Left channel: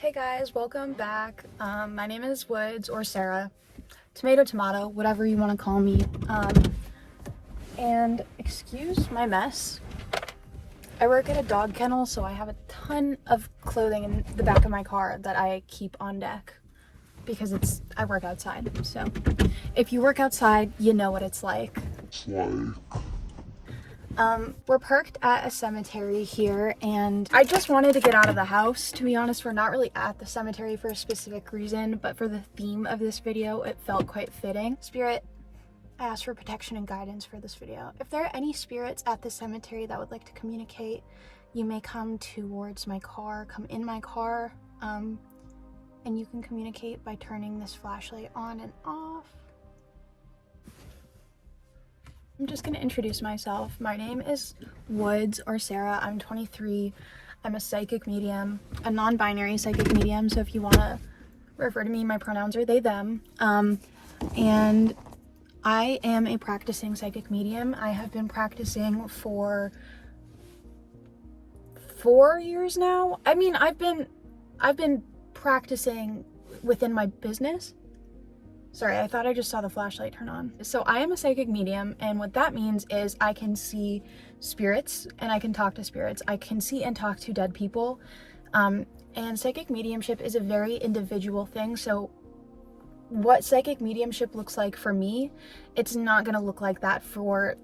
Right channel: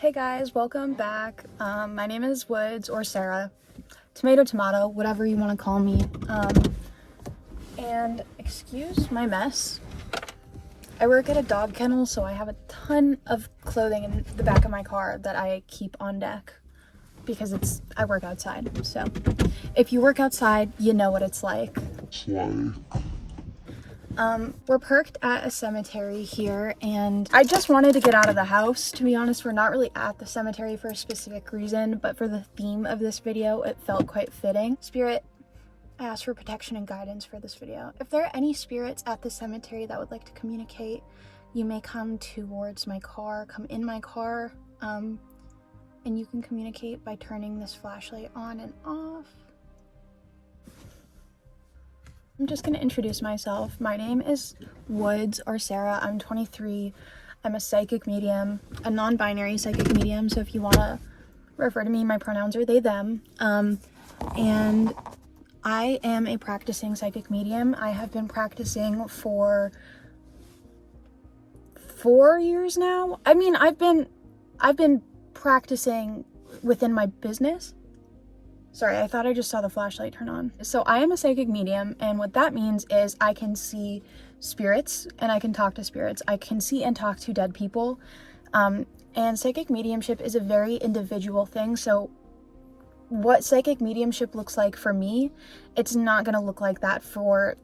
Hey guys, welcome back. My name is Woods or Sarah, tomato, whatever you want to call me. And excuse my mess. I work at a dog kennel, so I have a ton of clothing in the back of my car that I keep on deck because I work outside. So if you work outside, you know what it's like. We're parked at a cemetery here, and I just wanted to get out of the house. To be honest, we're not really at the cemetery for a specific reason, but for the theme of this video, it felt quite fitting. Spirit, I asked for protection and guidance for this video. If there are any spirits at the cemetery that would like to communicate, you may come towards my car, come in my car, and you can communicate by turning this flashlight on and off. I'm just going to introduce myself. My name is Woods or Sarah. I'm 23. I'm a psychic medium, a non-binary psychic medium. So if you want to refer to me, my pronouns are they, them. And I am a practicing psychic medium. I have been practicing for 4 years now. I mean, I've been practicing within my business. Sorry, I thought I just saw the flashlight turn on. So I am a psychic medium, and what that means is I can see spirits and I can talk to spirits. I can see and talk to dead people. And psychic mediumship is a very individual thing. So what psychic mediumship looks like for me, it's not gonna look like that for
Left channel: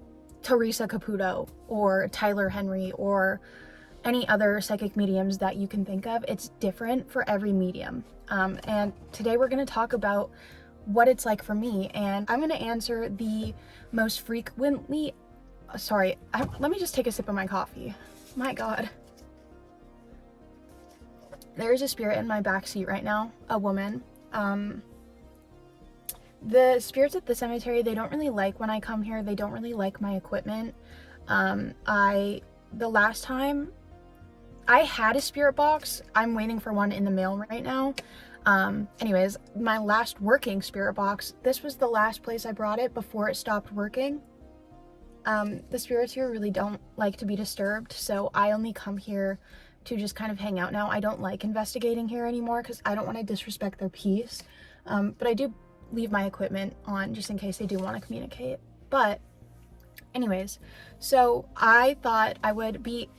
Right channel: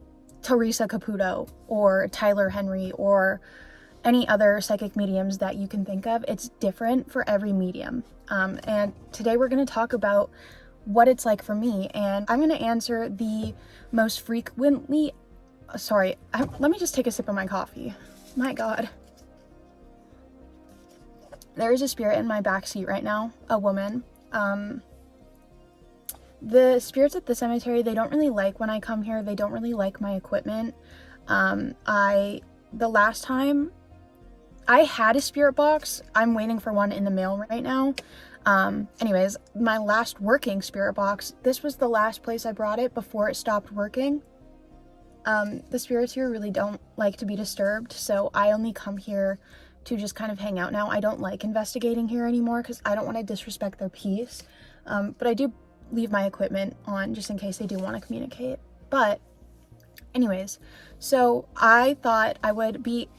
Teresa Caputo or Tyler Henry or any other psychic mediums that you can think of. It's different for every medium. And today we're gonna talk about what it's like for me, and I'm going to answer the most frequently, let me just take a sip of my coffee. My God. There is a spirit in my back seat right now, a woman. The spirits at the cemetery, they don't really like when I come here. They don't really like my equipment. The last time I had a spirit box, I'm waiting for one in the mail right now. Anyways, my last working spirit box, this was the last place I brought it before it stopped working. The spirits here really don't like to be disturbed, so I only come here to just kind of hang out now. I don't like investigating here anymore because I don't want to disrespect their peace. But I do leave my equipment on just in case they do want to communicate. But anyways, so I thought I would be,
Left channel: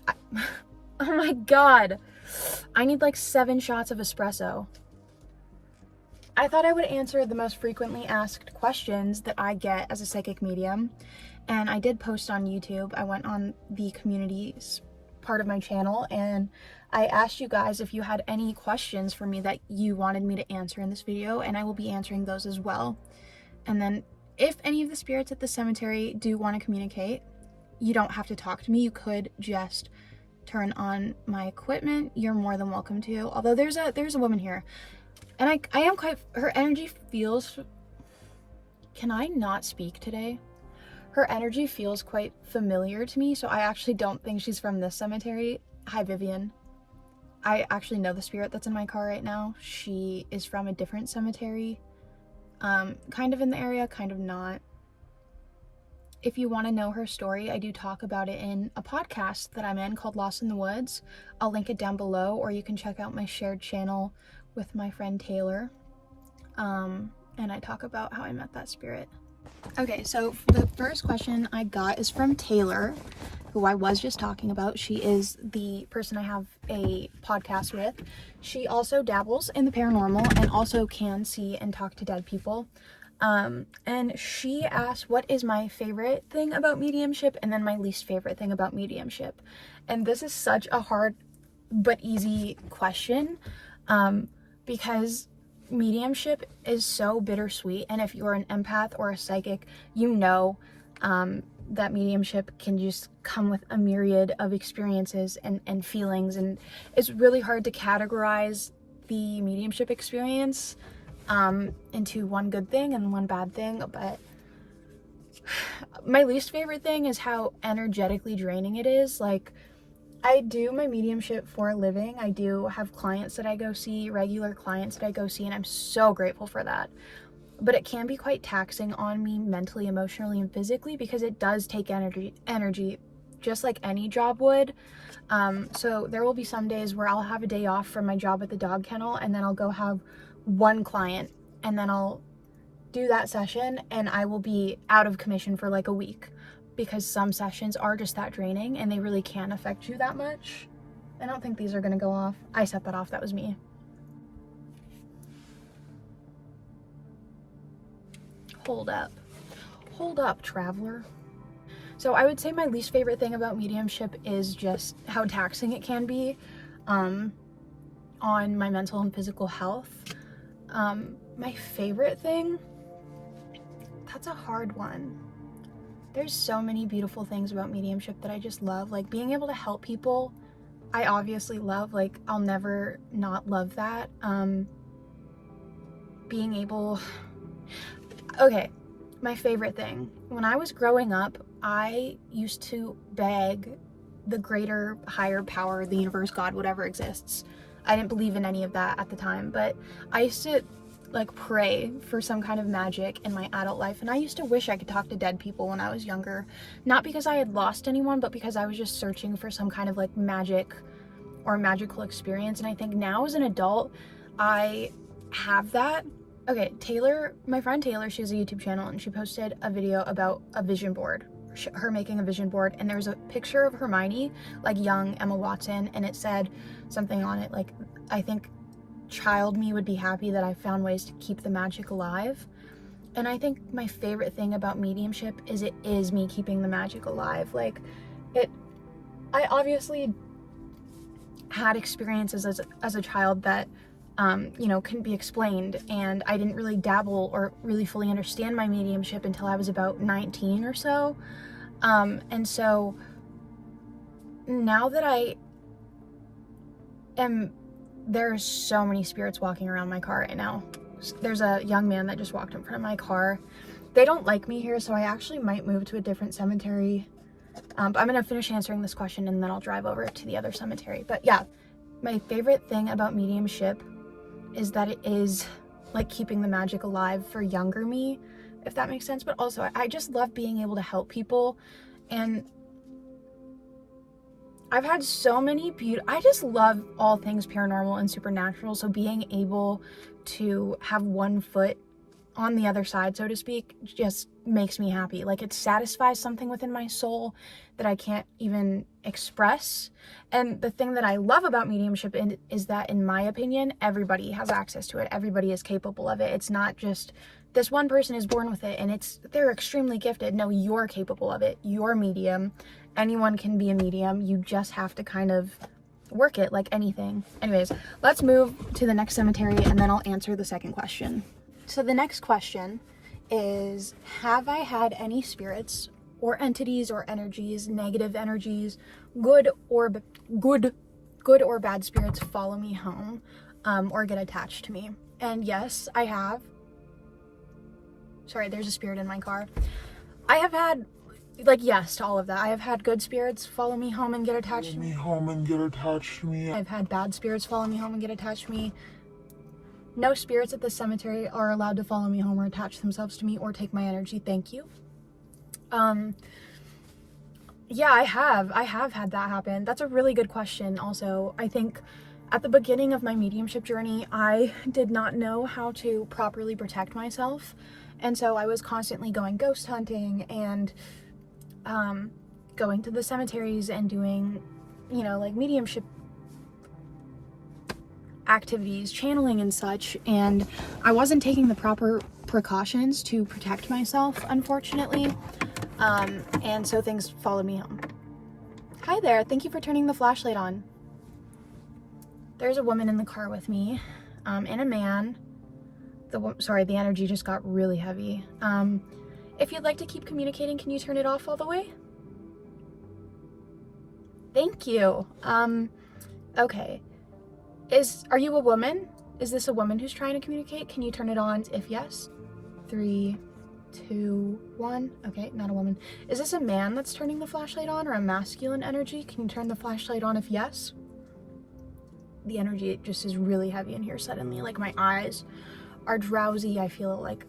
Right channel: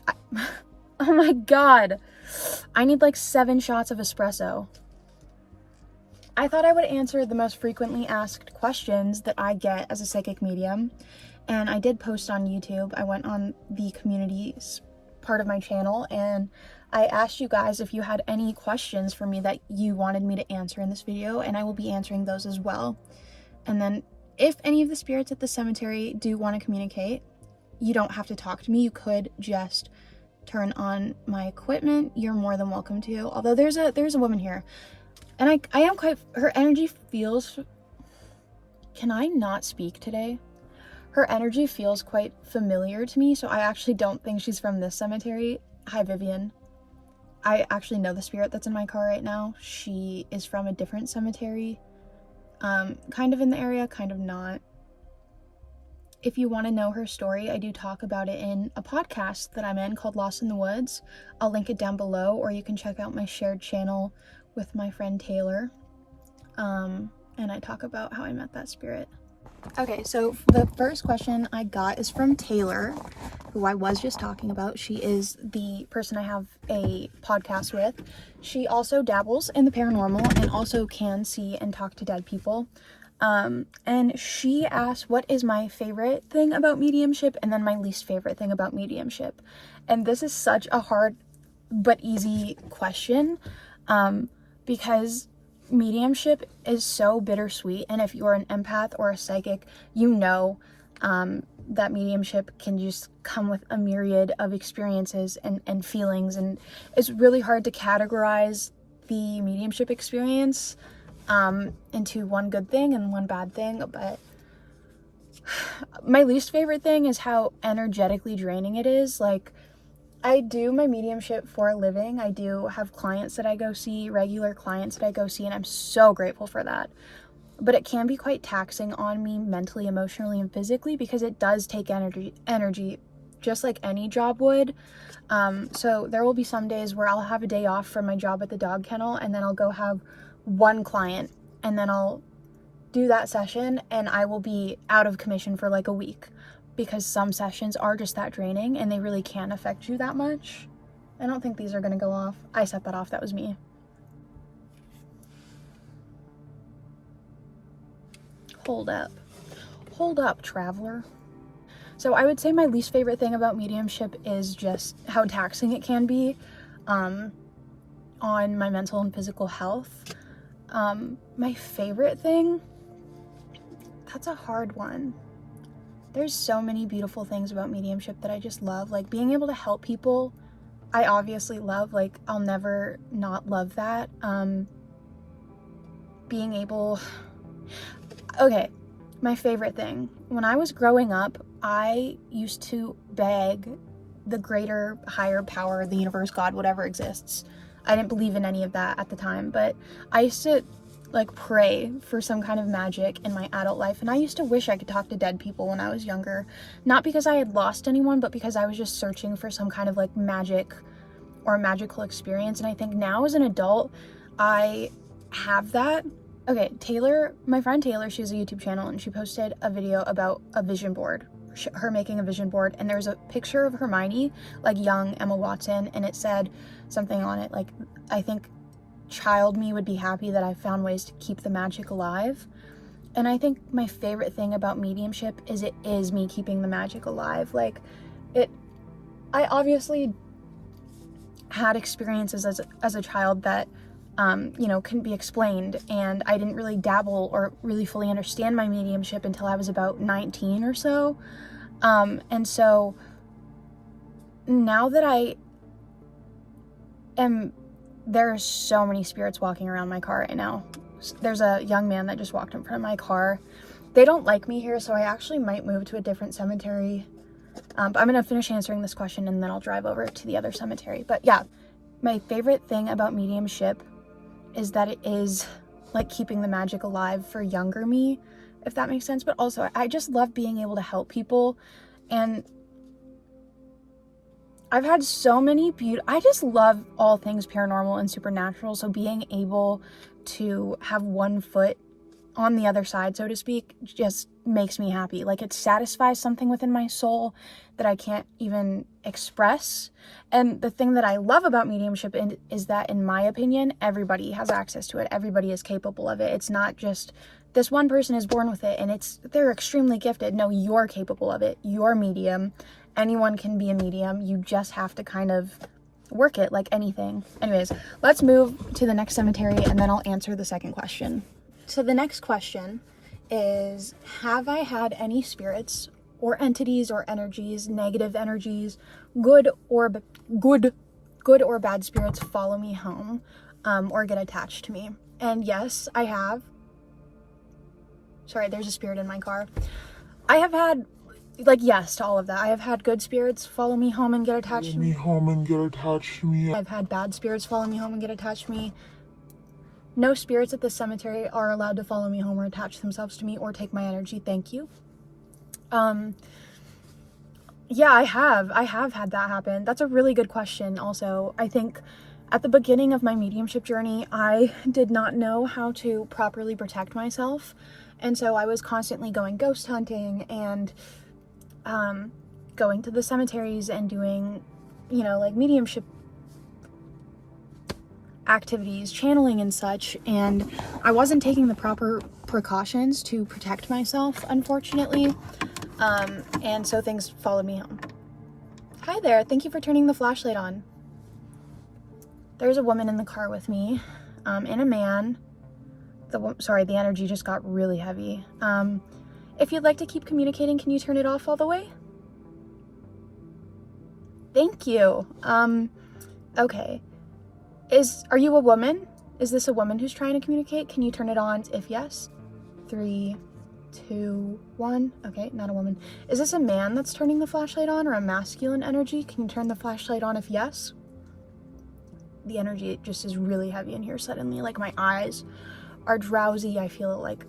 oh my God, I need like 7 shots of espresso. I thought I would answer the most frequently asked questions that I get as a psychic medium, and I did post on YouTube. I went on the community's part of my channel, and I asked you guys if you had any questions for me that you wanted me to answer in this video, and I will be answering those as well. And then if any of the spirits at the cemetery do want to communicate, you don't have to talk to me. You could just turn on my equipment. You're more than welcome to, although there's a woman here. And I am quite, her energy feels, can I not speak today? Her energy feels quite familiar to me, so I actually don't think she's from this cemetery. Hi, Vivian. I actually know the spirit that's in my car right now. She is from a different cemetery, kind of in the area, kind of not. If you want to know her story, I do talk about it in a podcast that I'm in called Lost in the Woods. I'll link it down below, or you can check out my shared channel with my friend Taylor, and I talk about how I met that spirit. Okay, so the first question I got is from Taylor, who I was just talking about. She is the person I have a podcast with. She also dabbles in the paranormal and also can see and talk to dead people. And she asked, what is my favorite thing about mediumship and then my least favorite thing about mediumship? And this is such a hard but easy question, because mediumship is so bittersweet, and if you're an empath or a psychic, you know that mediumship can just come with a myriad of experiences and feelings, and it's really hard to categorize the mediumship experience into one good thing and one bad thing. But my least favorite thing is how energetically draining it is. Like, I do my mediumship for a living. I do have clients that I go see, regular clients that I go see, and I'm so grateful for that. But it can be quite taxing on me mentally, emotionally, and physically, because it does take energy just like any job would. So there will be some days where I'll have a day off from my job at the dog kennel, and then I'll go have one client, and then I'll do that session, and I will be out of commission for like a week, because some sessions are just that draining and they really can affect you that much. I don't think these are gonna go off. I set that off, that was me. Hold up, traveler. So I would say my least favorite thing about mediumship is just how taxing it can be on my mental and physical health. My favorite thing, that's a hard one. There's so many beautiful things about mediumship that I just love. Like being able to help people, I obviously love, like I'll never not love that. Being able, okay, my favorite thing, when I was growing up, I used to beg the greater, higher power, the universe, God, whatever exists. I didn't believe in any of that at the time, but I used to like pray for some kind of magic in my adult life, and I used to wish I could talk to dead people when I was younger. Not because I had lost anyone, but because I was just searching for some kind of like magic or magical experience. And I think now as an adult, I have that. Okay, Taylor, my friend Taylor, she has a YouTube channel, and she posted a video about a vision board, her making a vision board, and there's a picture of Hermione, like young Emma Watson, and it said something on it like, I think child me would be happy that I found ways to keep the magic alive. And I think my favorite thing about mediumship is it is me keeping the magic alive. Like I obviously had experiences as a child that couldn't be explained, and I didn't really dabble or really fully understand my mediumship until I was about 19 or so. And so now that there's so many spirits walking around my car right now. There's a young man that just walked in front of my car. They don't like me here, so I actually might move to a different cemetery. But I'm gonna finish answering this question and then I'll drive over to the other cemetery. But yeah, my favorite thing about mediumship is that it is like keeping the magic alive for younger me, if that makes sense. But also I just love being able to help people, and I've had so many I just love all things paranormal and supernatural, so being able to have one foot on the other side, so to speak, just makes me happy. Like it satisfies something within my soul that I can't even express. And the thing that I love about mediumship is that, in my opinion, everybody has access to it. Everybody is capable of it. It's not just this one person is born with it and they're extremely gifted. No, you're capable of it. You're medium. Anyone can be a medium. You just have to kind of work it like anything. Anyways, let's move to the next cemetery and then I'll answer the second question. So the next question is, have I had any spirits or entities or energies, negative energies, good or bad spirits follow me home or get attached to me? And yes, I have. Sorry, there's a spirit in my car. I have had, like, yes to all of that. I have had good spirits follow me home and get attached to me. I've had bad spirits follow me home and get attached to me. No spirits at this cemetery are allowed to follow me home or attach themselves to me or take my energy. Thank you. Yeah, I have had that happen. That's a really good question also. I think at the beginning of my mediumship journey, I did not know how to properly protect myself. And so I was constantly going ghost hunting and going to the cemeteries and doing, like mediumship activities, channeling and such. And I wasn't taking the proper precautions to protect myself, unfortunately. And so things followed me home. Hi there, thank you for turning the flashlight on. There's a woman in the car with me, and a man. Sorry, the energy just got really heavy. If you'd like to keep communicating, can you turn it off all the way? Thank you. Okay. Are you a woman? Is this a woman who's trying to communicate? Can you turn it on if yes? 3, 2, 1. Okay, not a woman. Is this a man that's turning the flashlight on, or a masculine energy? Can you turn the flashlight on if yes? The energy just is really heavy in here suddenly. Like my eyes are drowsy. I feel like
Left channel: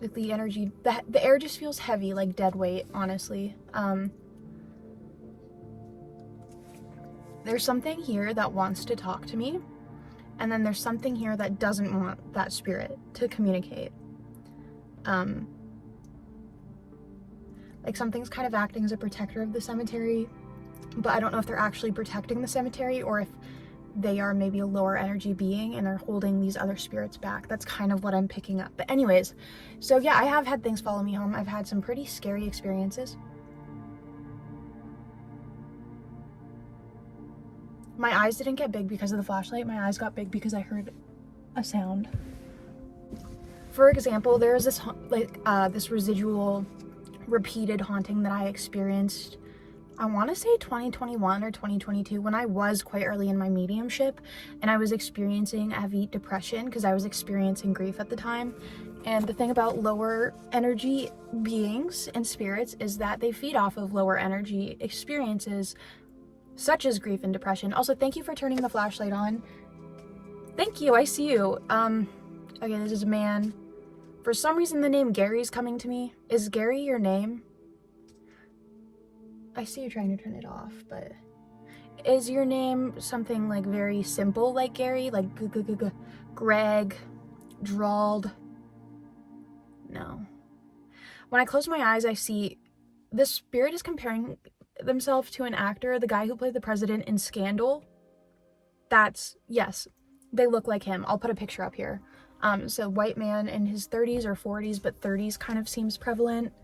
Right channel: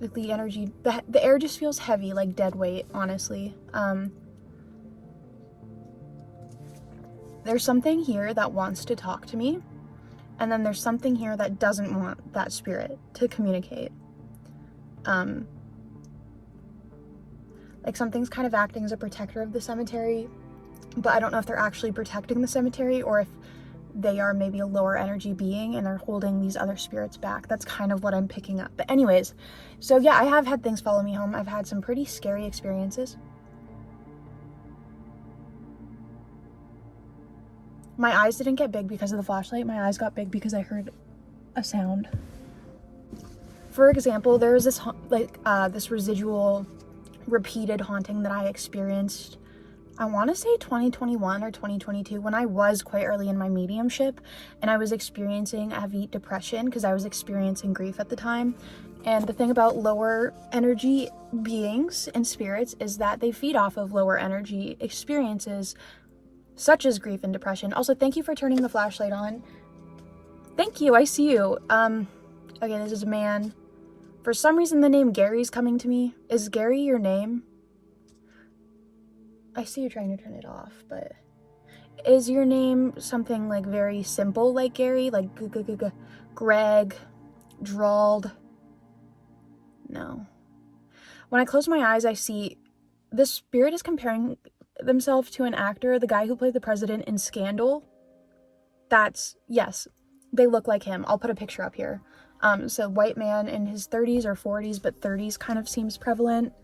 the energy, the air just feels heavy, like dead weight, honestly. there's something here that wants to talk to me, and then there's something here that doesn't want that spirit to communicate. Like something's kind of acting as a protector of the cemetery, but I don't know if they're actually protecting the cemetery or if they are maybe a lower energy being and they're holding these other spirits back. That's kind of what I'm picking up. But anyways, so yeah, I have had things follow me home. I've had some pretty scary experiences. My eyes didn't get big because of the flashlight. My eyes got big because I heard a sound. For example, there was this this residual repeated haunting that I experienced, I want to say 2021 or 2022, when I was quite early in my mediumship and I was experiencing heavy depression because I was experiencing grief at the time. And the thing about lower energy beings and spirits is that they feed off of lower energy experiences such as grief and depression. Also, thank you for turning the flashlight on. Thank you, I see you. Okay, this is a man. For some reason, the name Gary's coming to me. Is Gary your name? I see you trying to turn it off, but is your name something like very simple like Gary? Like Greg, drawled? No. When I close my eyes, I see the spirit is comparing themselves to an actor, the guy who played the president in Scandal. Yes, they look like him. I'll put a picture up here. So white man in his 30s or 40s, but 30s kind of seems prevalent.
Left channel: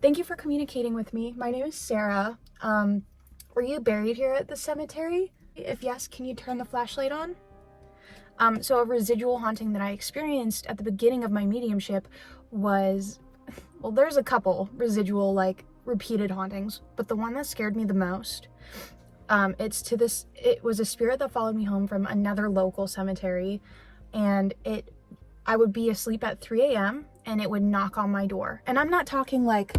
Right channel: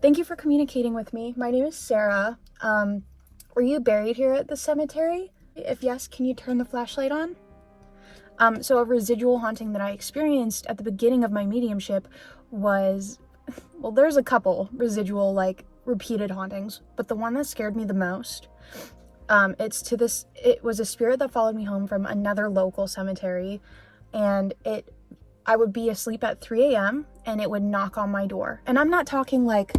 Thank you for communicating with me. My name is Sarah. Were you buried here at the cemetery? If yes, can you turn the flashlight on? So a residual haunting that I experienced at the beginning of my mediumship was, well, there's a couple residual, like, repeated hauntings, but the one that scared me the most, it was a spirit that followed me home from another local cemetery, and I would be asleep at 3 a.m. and it would knock on my door. And I'm not talking like,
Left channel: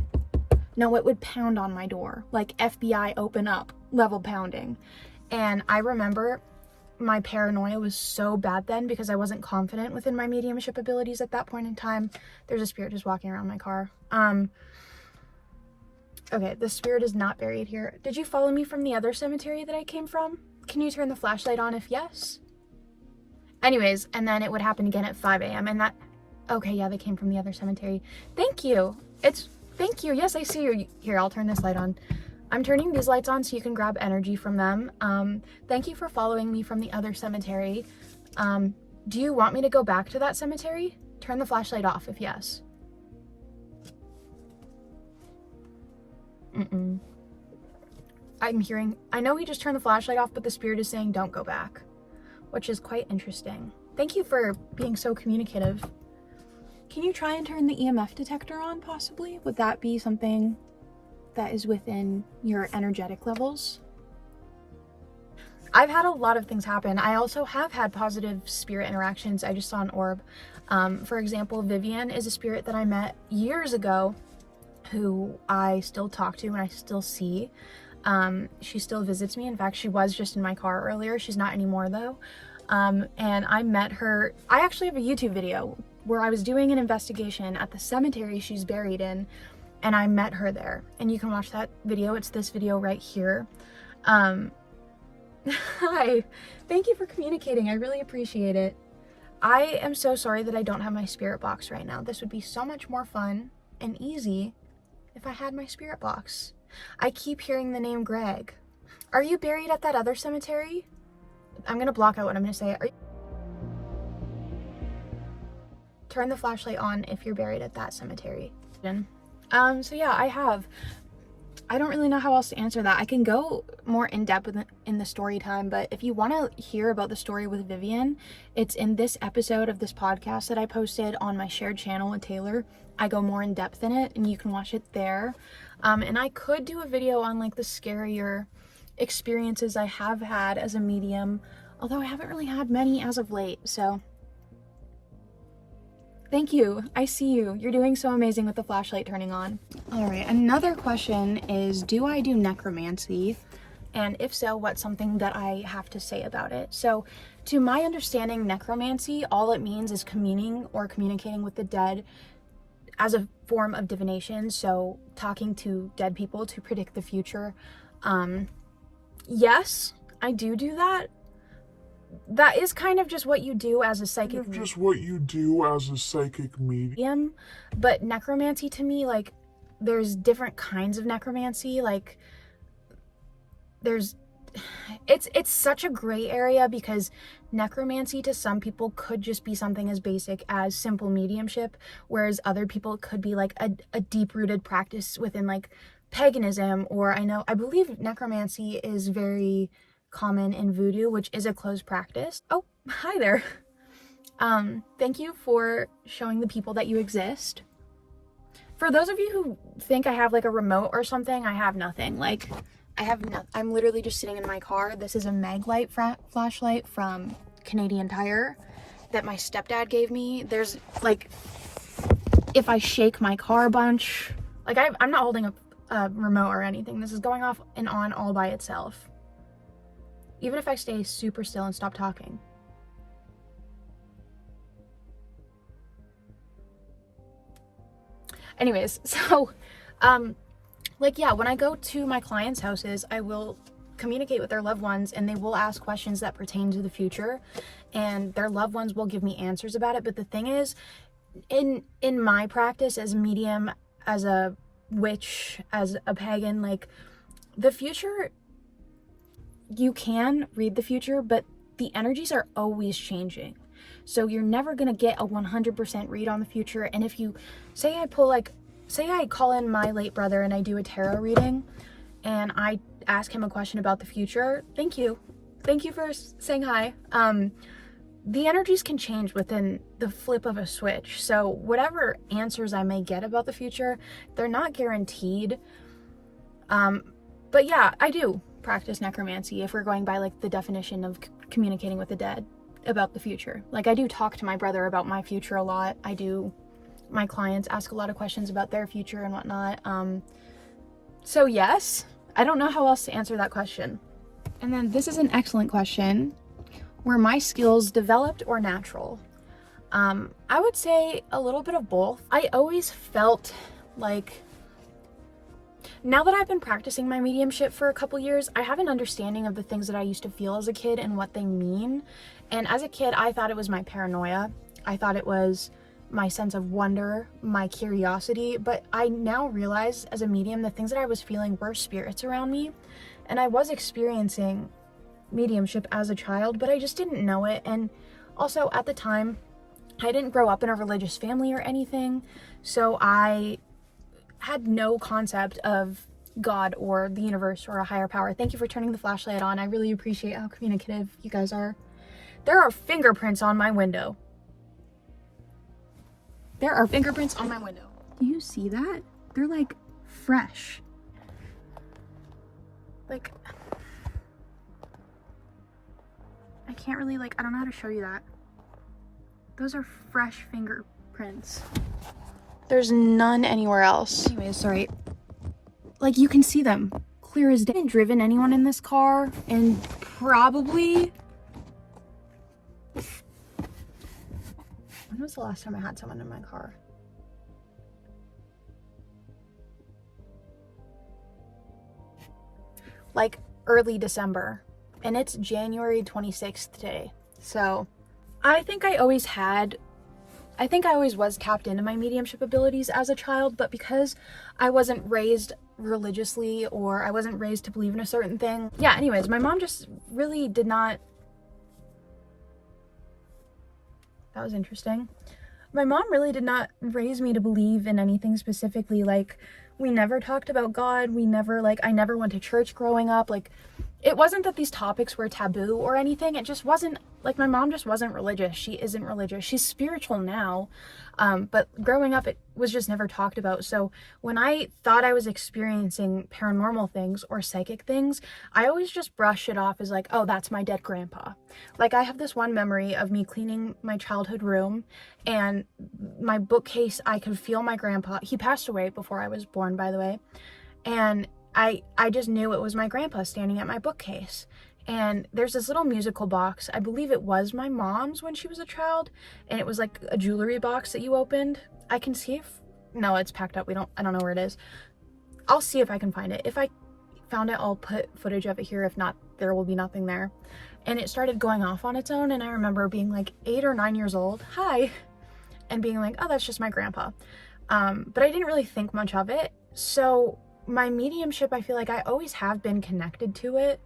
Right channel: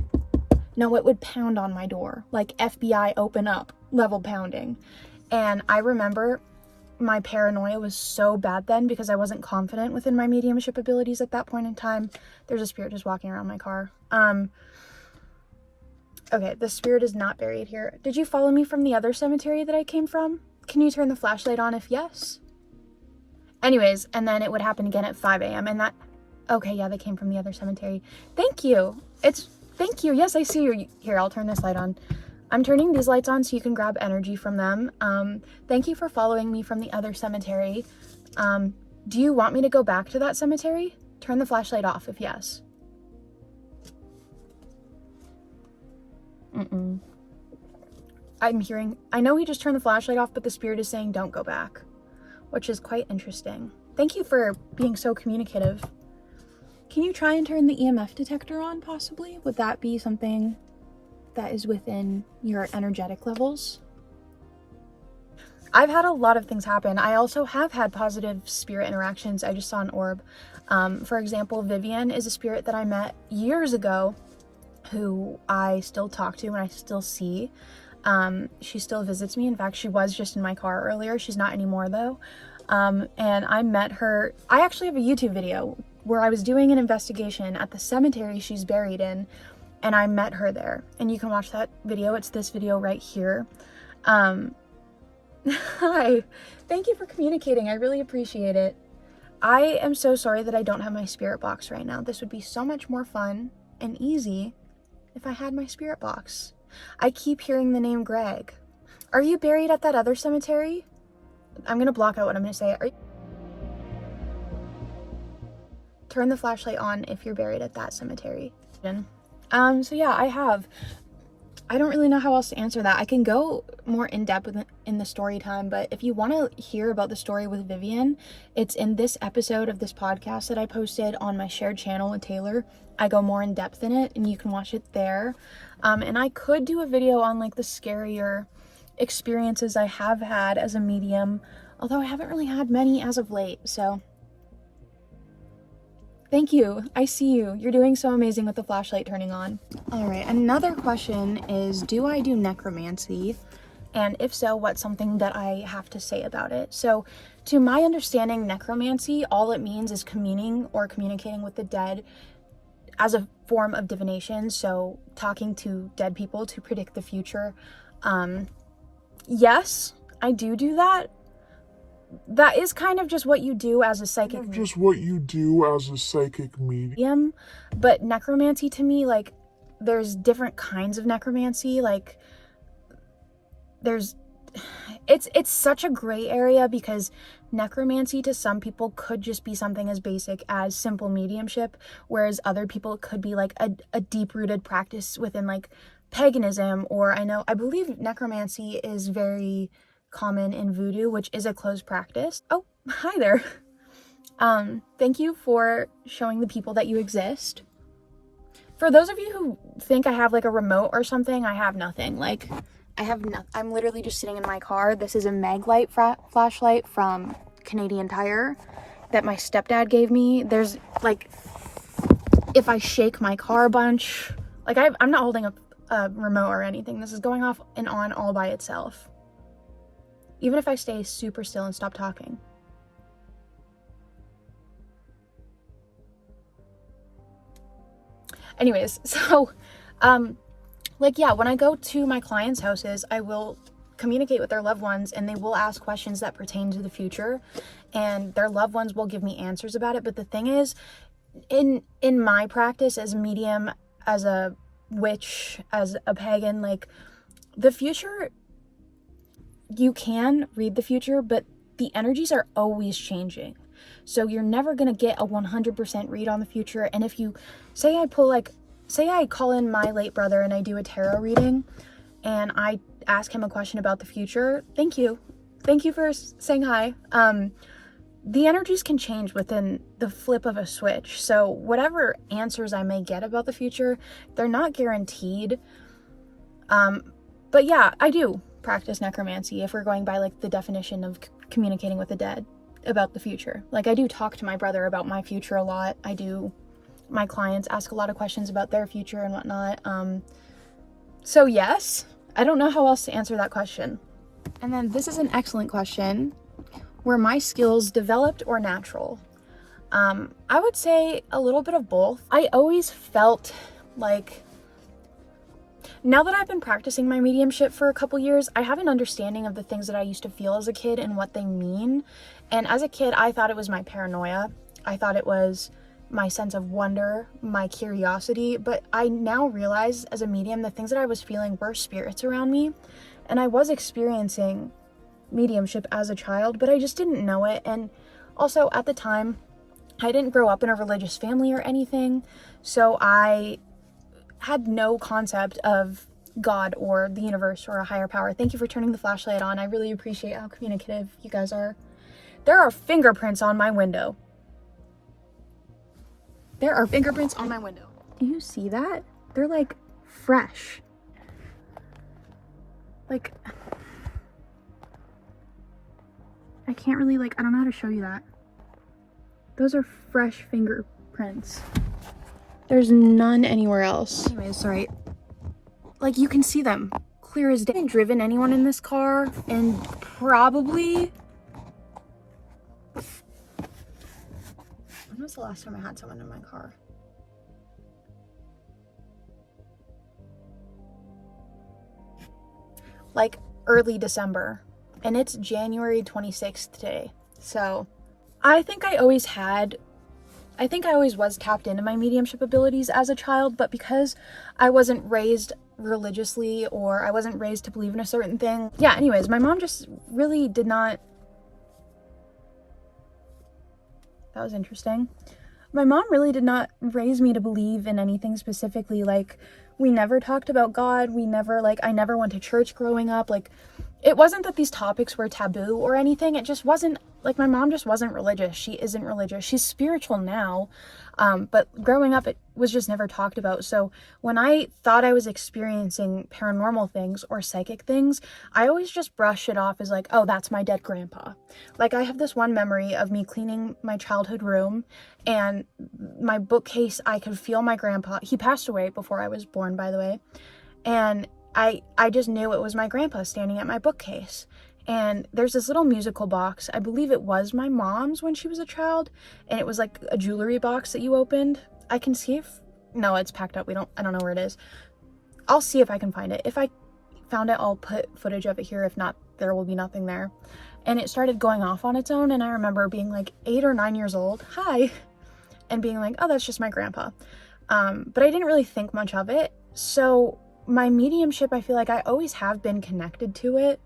no, it would pound on my door, like FBI open up level pounding. And I remember my paranoia was so bad then because I wasn't confident within my mediumship abilities at that point in time. There's a spirit just walking around my car. Okay, the spirit is not buried here. Did you follow me from the other cemetery that I came from? Can you turn the flashlight on if yes? Anyways, and then it would happen again at 5 a.m. and that, okay, yeah, they came from the other cemetery. Thank you. Thank you. Yes, I see you. Here, I'll turn this light on. I'm turning these lights on so you can grab energy from them. Thank you for following me from the other cemetery. Do you want me to go back to that cemetery? Turn the flashlight off if yes. I know he just turned the flashlight off, but the spirit is saying don't go back, which is quite interesting. Thank you for being so communicative. Can you try and turn the EMF detector on, possibly? Would that be something that is within your energetic levels? I've had a lot of things happen. I also have had positive spirit interactions. I just saw an orb. For example, Vivian is a spirit that I met years ago who I still talk to and I still see. She still visits me. In fact, she was just in my car earlier. She's not anymore though. And I met her. I actually have a YouTube video where I was doing an investigation at the cemetery she's buried in, and I met her there. And you can watch that video. It's this video right here. Hi. Thank you for communicating. I really appreciate it. I am so sorry that I don't have my spirit box right now. This would be so much more fun and easy if I had my spirit box. I keep hearing the name Greg. Are you buried at that other cemetery? I'm gonna block out what I'm gonna say. Turn the flashlight on if you're buried at that cemetery. So yeah, I don't really know how else to answer that. I can go more in depth in the story time, but if you want to hear about the story with Vivian, it's in this episode of this podcast that I posted on my shared channel with Taylor. I go more in depth in it and you can watch it there. And I could do a video on like the scarier experiences I have had as a medium, although I haven't really had many as of late, so thank you. I see you. You're doing so amazing with the flashlight turning on. All right, another question is, do I do necromancy? And if so, what's something that I have to say about it? So to my understanding, necromancy, all it means is communing or communicating with the dead as a form of divination. So talking to dead people to predict the future. Yes, I do that. That is kind of just what you do as a psychic medium. But necromancy to me, like, there's different kinds of necromancy. Like, it's such a gray area, because necromancy to some people could just be something as basic as simple mediumship, whereas other people it could be like a deep-rooted practice within like paganism, or I believe necromancy is very common in voodoo, which is a closed practice. Oh, hi there. Thank you for showing the people that you exist. For those of you who think I have like a remote or something, I have nothing. Like, I'm literally just sitting in my car. This is a Maglite flashlight from Canadian Tire that my stepdad gave me. There's like, if I shake my car a bunch, like I'm not holding a remote or anything. This is going off and on all by itself. Even if I stay super still and stop talking. Anyways, so, like, yeah, when I go to my clients' houses, I will communicate with their loved ones, and they will ask questions that pertain to the future, and their loved ones will give me answers about it. But the thing is, in my practice as a medium, as a witch, as a pagan, like, the future, you can read the future, but the energies are always changing. So you're never going to get a 100% read on the future. And if you say I call in my late brother and I do a tarot reading and I ask him a question about the future, thank you for saying hi. The energies can change within the flip of a switch. So whatever answers I may get about the future, they're not guaranteed. But yeah, I do practice necromancy if we're going by like the definition of communicating with the dead about the future. Like, I do talk to my brother about my future a lot. My clients ask a lot of questions about their future and whatnot. So yes, I don't know how else to answer that question. And then this is an excellent question. Were my skills developed or natural? I would say a little bit of both. I always felt like, now that I've been practicing my mediumship for a couple years, I have an understanding of the things that I used to feel as a kid and what they mean. And as a kid, I thought it was my paranoia. I thought it was my sense of wonder, my curiosity. But I now realize as a medium, the things that I was feeling were spirits around me. And I was experiencing mediumship as a child, but I just didn't know it. And also at the time, I didn't grow up in a religious family or anything. So I had no concept of God or the universe or a higher power. Thank you for turning the flashlight on. I really appreciate how communicative you guys are. There are fingerprints on my window. There are fingerprints on my window. Do you see that? They're like fresh. Like, I can't really I don't know how to show you that. Those are fresh fingerprints. There's none anywhere else. Anyways, sorry. Like, you can see them clear as day. I haven't driven anyone in this car and probably, when was the last time I had someone in my car? Like early December, and it's January 26th today. So I think I always was tapped into my mediumship abilities as a child, but because I wasn't raised religiously, or I wasn't raised to believe in a certain thing. Yeah, anyways, my mom just really did not. That was interesting. My mom really did not raise me to believe in anything specifically. Like, we never talked about God. I never went to church growing up. Like, it wasn't that these topics were taboo or anything. It just wasn't, like, my mom just wasn't religious. She isn't religious. She's spiritual now. But growing up, it was just never talked about. So when I thought I was experiencing paranormal things or psychic things, I always just brushed it off as like, oh, that's my dead grandpa. Like, I have this one memory of me cleaning my childhood room, and my bookcase, I could feel my grandpa. He passed away before I was born, by the way. And I just knew it was my grandpa standing at my bookcase. And there's this little musical box. I believe it was my mom's when she was a child. And it was like a jewelry box that you opened. I can see if, no, it's packed up. I don't know where it is. I'll see if I can find it. If I found it, I'll put footage of it here. If not, there will be nothing there. And it started going off on its own, and I remember being like 8 or 9 years old, hi, and being like, oh, that's just my grandpa. But I didn't really think much of it. So my mediumship, I feel like I always have been connected to it,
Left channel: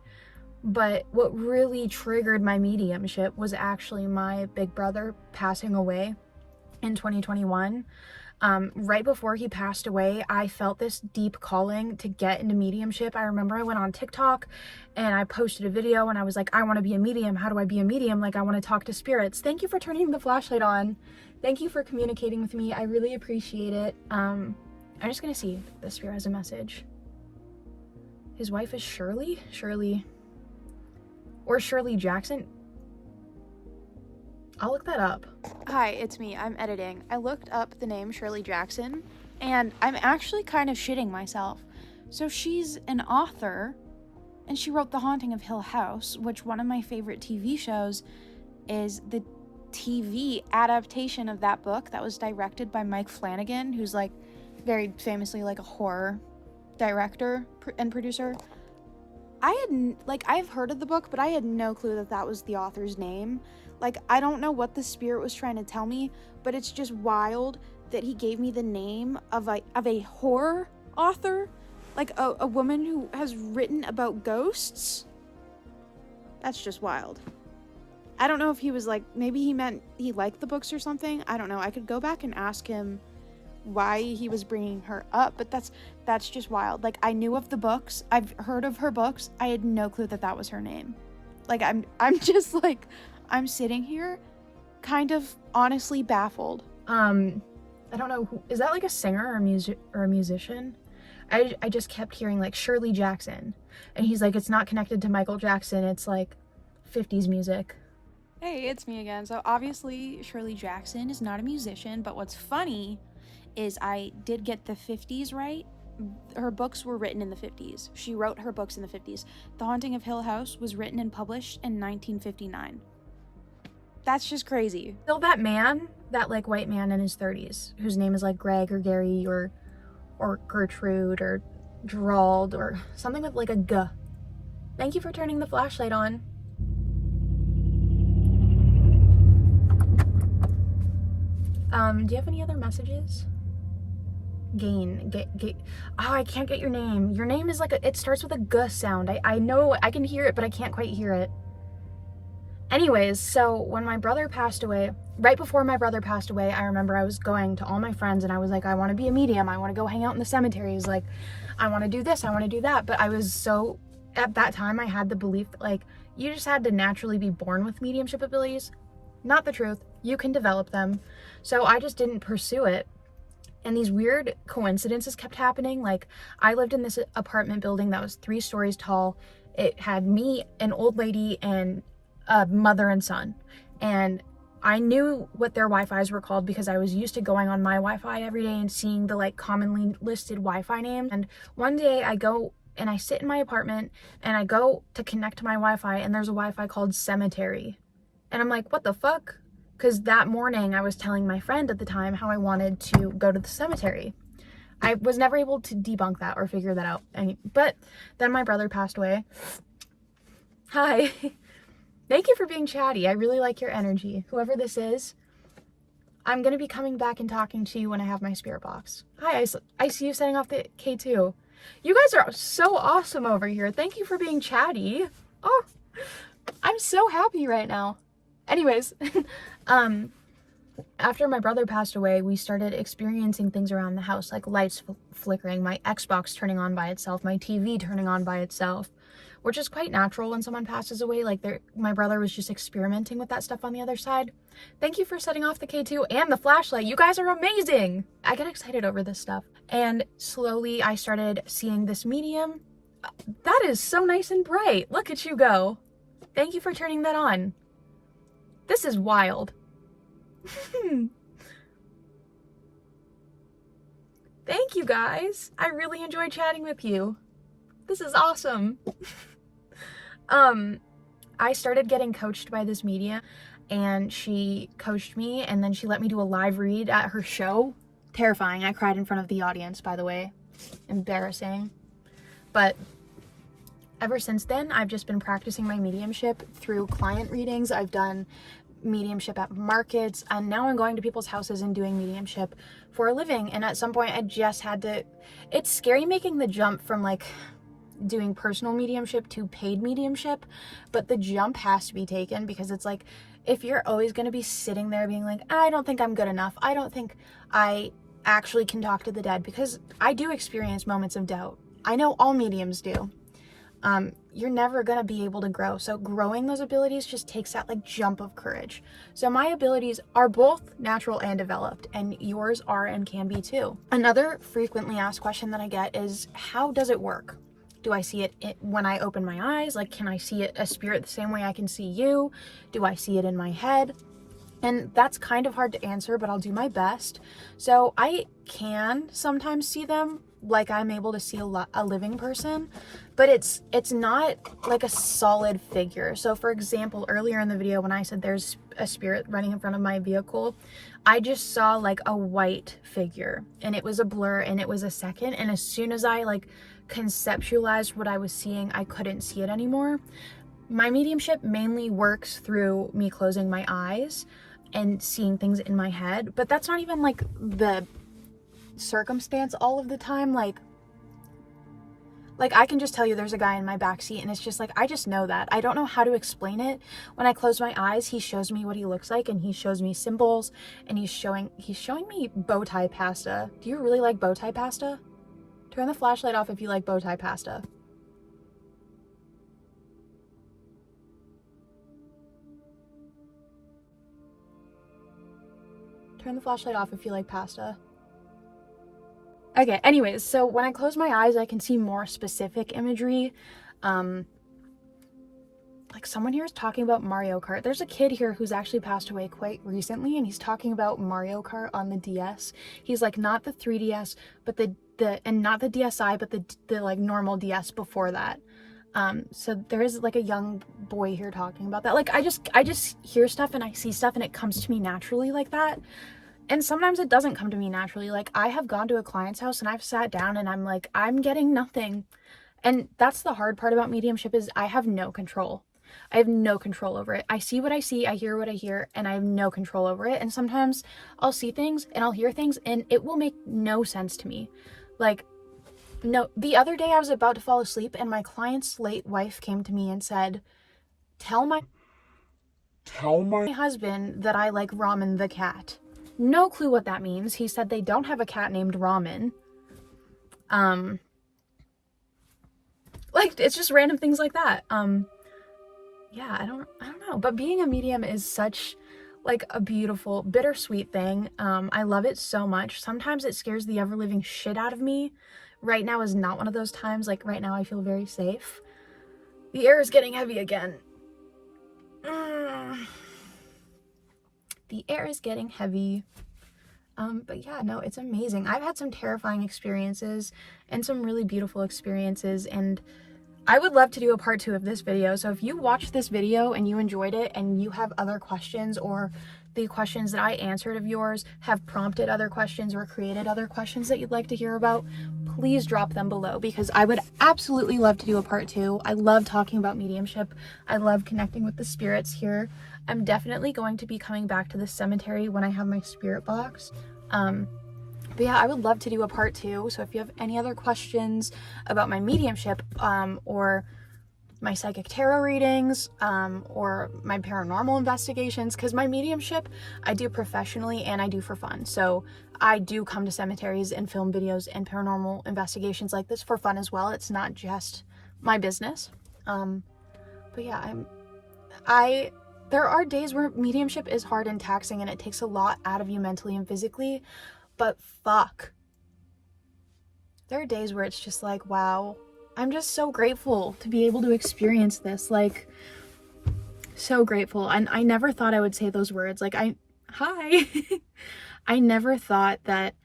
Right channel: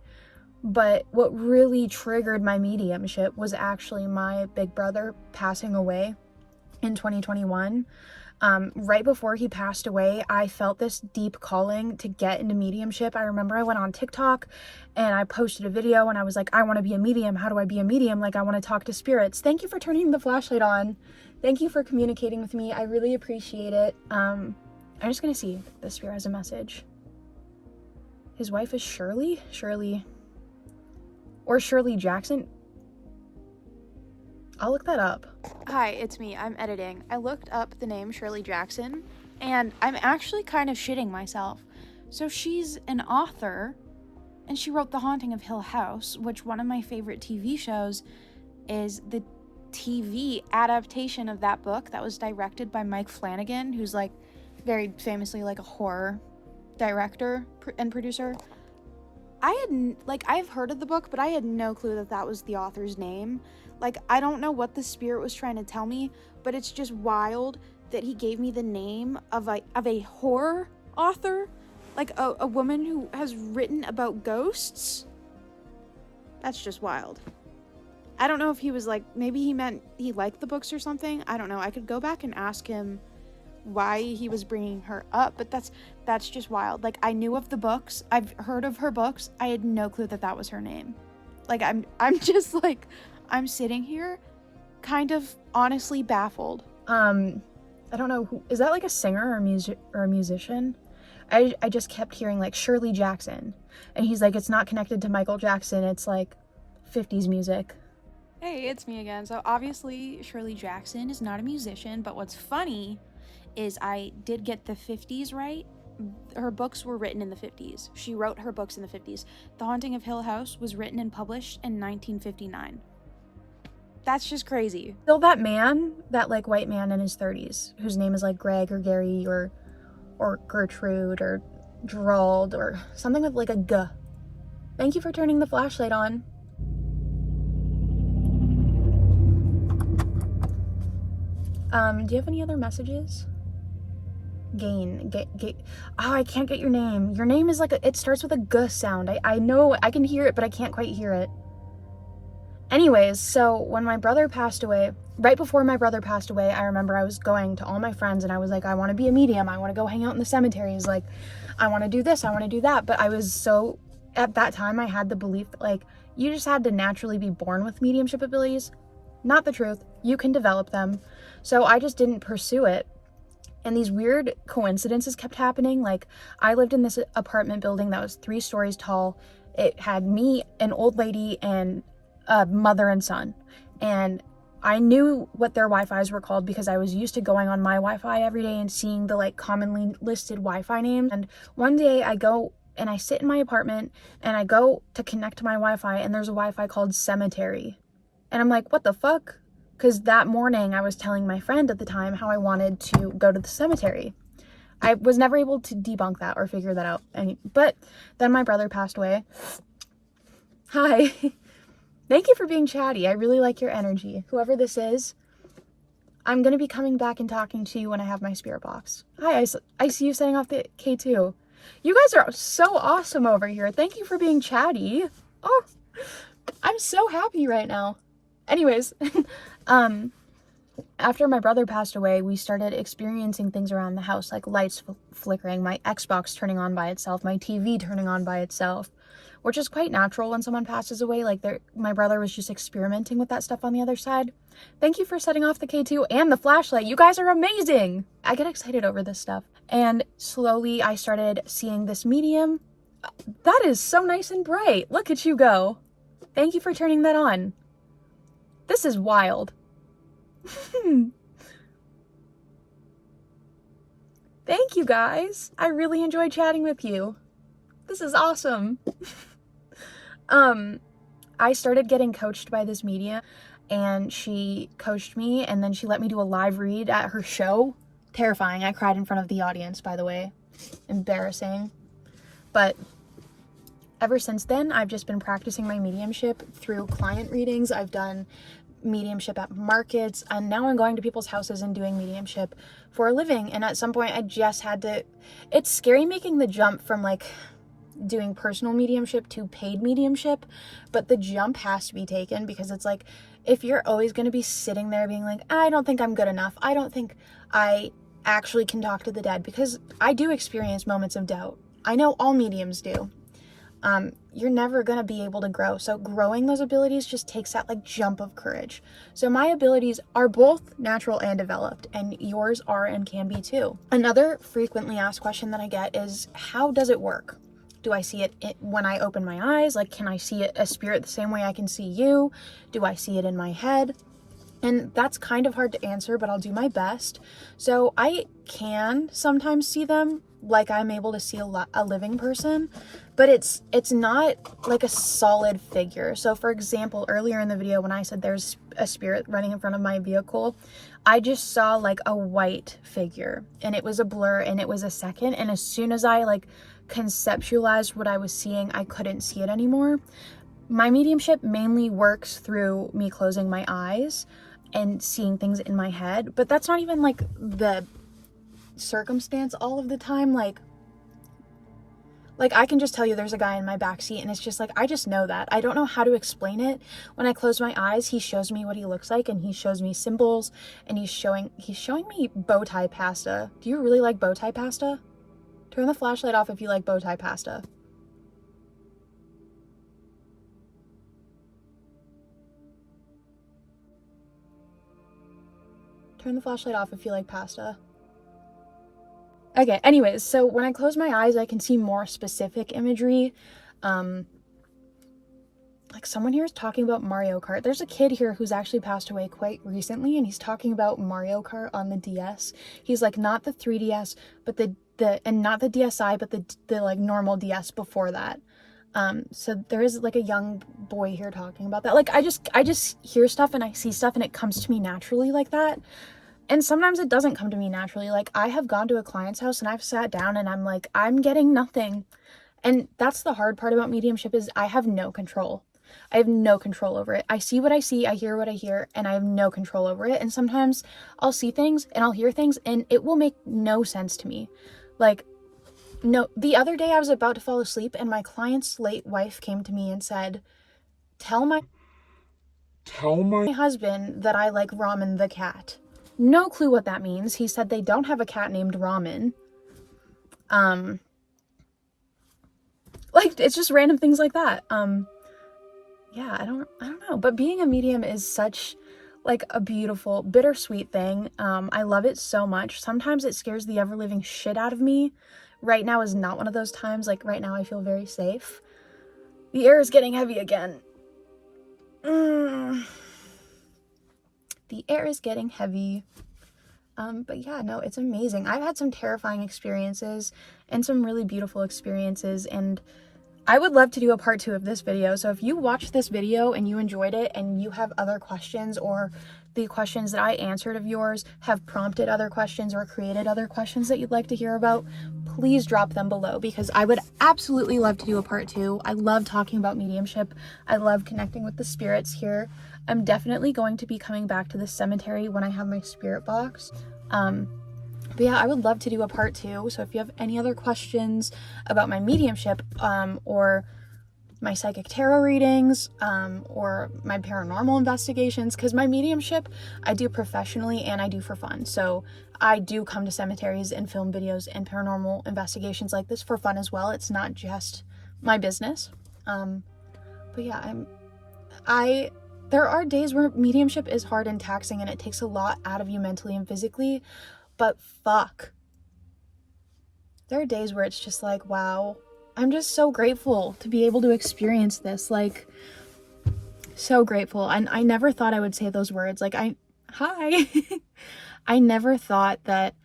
but what really triggered my mediumship was actually my big brother passing away in 2021. Right before he passed away, I felt this deep calling to get into mediumship. I remember I went on TikTok and I posted a video and I was like, I want to be a medium. How do I be a medium? Like, I want to talk to spirits. Thank you for turning the flashlight on. Thank you for communicating with me. I really appreciate it. I'm just gonna see if the spirit has a message. His wife is Shirley or Shirley Jackson. I'll look that up. Hi, it's me. I'm editing. I looked up the name Shirley Jackson, and I'm actually kind of shitting myself. So she's an author, and she wrote The Haunting of Hill House, which one of my favorite TV shows is the TV adaptation of that book that was directed by Mike Flanagan, who's like very famously like a horror director and producer. I've heard of the book, but I had no clue that that was the author's name. Like, I don't know what the spirit was trying to tell me, but it's just wild that he gave me the name of a horror author, like a woman who has written about ghosts. That's just wild. I don't know if he was like, maybe he meant he liked the books or something. I don't know. I could go back and ask him why he was bringing her up, but that's just wild. Like, I knew of the books. I've heard of her books. I had no clue that that was her name. Like, I'm just like, I'm sitting here kind of honestly baffled. I don't know who is that, like a singer or a musician? I just kept hearing like Shirley Jackson, and he's like, it's not connected to Michael Jackson, it's like 50s music. Hey, it's me again. So obviously Shirley Jackson is not a musician, but what's funny is I did get the 50s right. Her books were written in the 50s. She wrote her books in the 50s. The Haunting of Hill House was written and published in 1959. That's just crazy. Still that man, that like white man in his 30s, whose name is like Greg or Gary or Gertrude or Gerald or something with like a G. Thank you for turning the flashlight on. Do you have any other messages? Gain. Oh, I can't get your name. Your name is like it starts with a G sound. I know, I can hear it, but I can't quite hear it. Anyways, so when my brother passed away, right before my brother passed away, I remember I was going to all my friends and I was like, I want to be a medium. I want to go hang out in the cemeteries. Like, I want to do this. I want to do that. But I was so, at that time, I had the belief that like, you just had to naturally be born with mediumship abilities. Not the truth. You can develop them. So I just didn't pursue it. And these weird coincidences kept happening. Like, I lived in this apartment building that was 3 stories tall. It had me, an old lady, and a mother and son. And I knew what their Wi-Fis were called because I was used to going on my Wi-Fi every day and seeing the like commonly listed Wi-Fi names. And one day I go and I sit in my apartment and I go to connect to my Wi-Fi and there's a Wi-Fi called cemetery. And I'm like, what the fuck? Because that morning I was telling my friend at the time how I wanted to go to the cemetery. I was never able to debunk that or figure that out. But then my brother passed away. Hi. Thank you for being chatty. I really like your energy. Whoever this is, I'm going to be coming back and talking to you when I have my spirit box. Hi, I see you setting off the K2. You guys are so awesome over here. Thank you for being chatty. Oh, I'm so happy right now. Anyways, after my brother passed away, we started experiencing things around the house, like lights flickering, my Xbox turning on by itself, my TV turning on by itself, which is quite natural when someone passes away. Like, my brother was just experimenting with that stuff on the other side. Thank you for setting off the K2 and the flashlight. You guys are amazing. I get excited over this stuff. And slowly I started seeing this medium. That is so nice and bright. Look at you go. Thank you for turning that on. This is wild. Thank you guys. I really enjoyed chatting with you. This is awesome. I started getting coached by this medium, and she coached me, and then she let me do a live read at her show. Terrifying. I cried in front of the audience, by the way. Embarrassing. But ever since then, I've just been practicing my mediumship through client readings. I've done mediumship at markets, and now I'm going to people's houses and doing mediumship for a living. And at some point I just had to, it's scary making the jump from like doing personal mediumship to paid mediumship, but the jump has to be taken, because it's like, if you're always going to be sitting there being like, I don't think I'm good enough, I don't think I actually can talk to the dead, because I do experience moments of doubt. I know all mediums do. You're never going to be able to grow. So growing those abilities just takes that like jump of courage. So my abilities are both natural and developed, and yours are and can be too. Another frequently asked question that I get is, how does it work? Do I see it when I open my eyes? Like, can I see it, a spirit, the same way I can see you? Do I see it in my head? And that's kind of hard to answer, but I'll do my best. So I can sometimes see them like I'm able to see a living person, but it's not like a solid figure. So for example, earlier in the video when I said there's a spirit running in front of my vehicle, I just saw like a white figure, and it was a blur, and it was a second, and as soon as I like conceptualized what I was seeing, I couldn't see it anymore. My mediumship mainly works through me closing my eyes and seeing things in my head, but that's not even like the circumstance all of the time. Like I can just tell you there's a guy in my backseat, and it's just like, I just know that. I don't know how to explain it. When I close my eyes, he shows me what he looks like, and he shows me symbols, and he's showing me bow tie pasta. Do you really like bow tie pasta? Turn the flashlight off if you like bow tie pasta. Turn the flashlight off if you like pasta. Okay, anyways, so when I close my eyes, I can see more specific imagery. Like someone here is talking about Mario Kart. There's a kid here who's actually passed away quite recently, and he's talking about Mario Kart on the DS. He's like, not the 3DS, but and not the DSi, but the like normal DS before that. So there is like a young boy here talking about that. Like I just hear stuff and I see stuff and it comes to me naturally like that. And sometimes it doesn't come to me naturally. Like I have gone to a client's house and I've sat down and I'm like, I'm getting nothing. And that's the hard part about mediumship, is I have no control. I have no control over it. I see what I see, I hear what I hear, and I have no control over it. And sometimes I'll see things and I'll hear things and it will make no sense to me. Like, no, the other day I was about to fall asleep and my client's late wife came to me and said, tell my husband that I like Ramen the cat. No clue what that means. He said they don't have a cat named Ramen. Like, it's just random things like that. Yeah, I don't know. But being a medium is such like a beautiful, bittersweet thing. I love it so much. Sometimes it scares the ever-living shit out of me. Right now is not one of those times. Like right now I feel very safe. The air is getting heavy again. The air is getting heavy. But yeah, no, it's amazing. I've had some terrifying experiences and some really beautiful experiences, and I would love to do a part 2 of this video. So if you watched this video and you enjoyed it and you have other questions, or the questions that I answered of yours have prompted other questions or created other questions that you'd like to hear about, please drop them below, because I would absolutely love to do a part 2. I love talking about mediumship. I love connecting with the spirits here. I'm definitely going to be coming back to the cemetery when I have my spirit box. But yeah, I would love to do a part 2. So if you have any other questions about my mediumship, or my psychic tarot readings, or my paranormal investigations, because my mediumship I do professionally and I do for fun. So I do come to cemeteries and film videos and paranormal investigations like this for fun as well. It's not just my business. But yeah, there are days where mediumship is hard and taxing and it takes a lot out of you mentally and physically, but fuck. There are days where it's just like, wow, I'm just so grateful to be able to experience this. Like, so grateful. And I never thought I would say those words. Like, hi. I never thought that.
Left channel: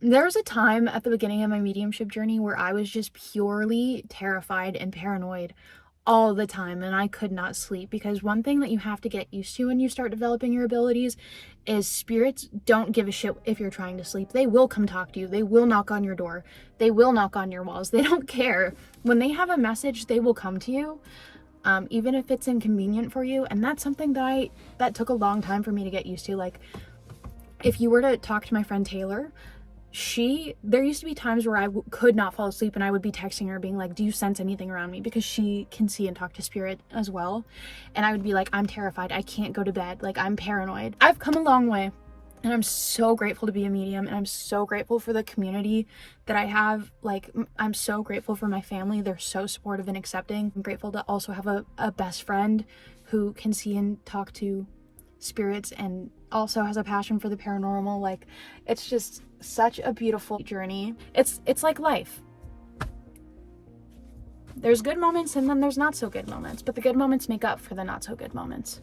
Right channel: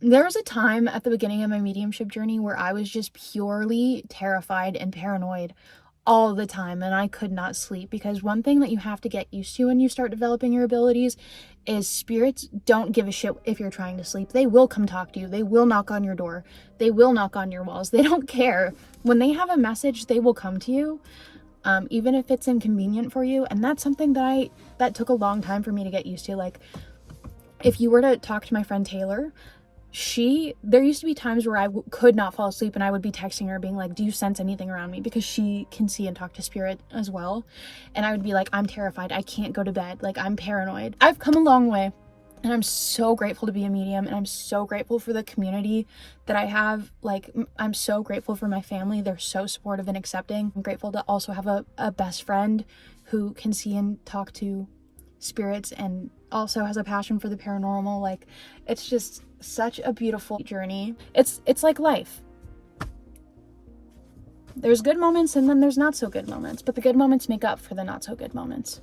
There was a time at the beginning of my mediumship journey where I was just purely terrified and paranoid all the time, and I could not sleep, because one thing that you have to get used to when you start developing your abilities is spirits don't give a shit if you're trying to sleep. They will come talk to you. They will knock on your door. They will knock on your walls. They don't care. When they have a message, they will come to you, even if it's inconvenient for you. And that's something that took a long time for me to get used to. Like, if you were to talk to my friend Taylor, there used to be times where I could not fall asleep and I would be texting her being like, do you sense anything around me? Because she can see and talk to spirit as well. And I would be like, I'm terrified. I can't go to bed. Like, I'm paranoid. I've come a long way, and I'm so grateful to be a medium, and I'm so grateful for the community that I have. Like, I'm so grateful for my family. They're so supportive and accepting. I'm grateful to also have a best friend who can see and talk to spirits and also has a passion for the paranormal. Like, it's just such a beautiful journey. It's like life. There's good moments and then there's not so good moments, but the good moments make up for the not so good moments.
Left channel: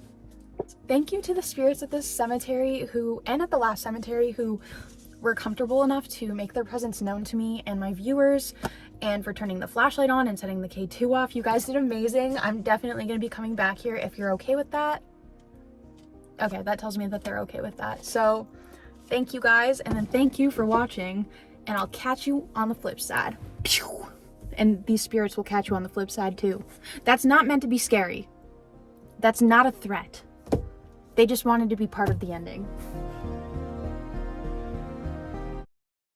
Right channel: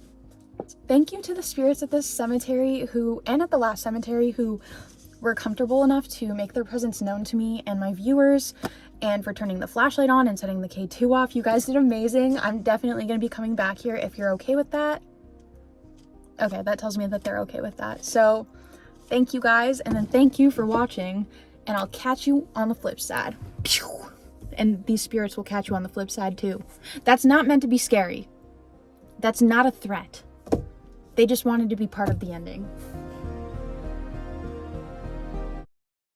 Thank you to the spirits at this cemetery and at the last cemetery who were comfortable enough to make their presence known to me and my viewers, and for turning the flashlight on and setting the K2 off. You guys did amazing. I'm definitely going to be coming back here if you're okay with that. Okay, that tells me that they're okay with that. So thank you guys, and then thank you for watching, and I'll catch you on the flip side. And these spirits will catch you on the flip side too. That's not meant to be scary. That's not a threat. They just wanted to be part of the ending.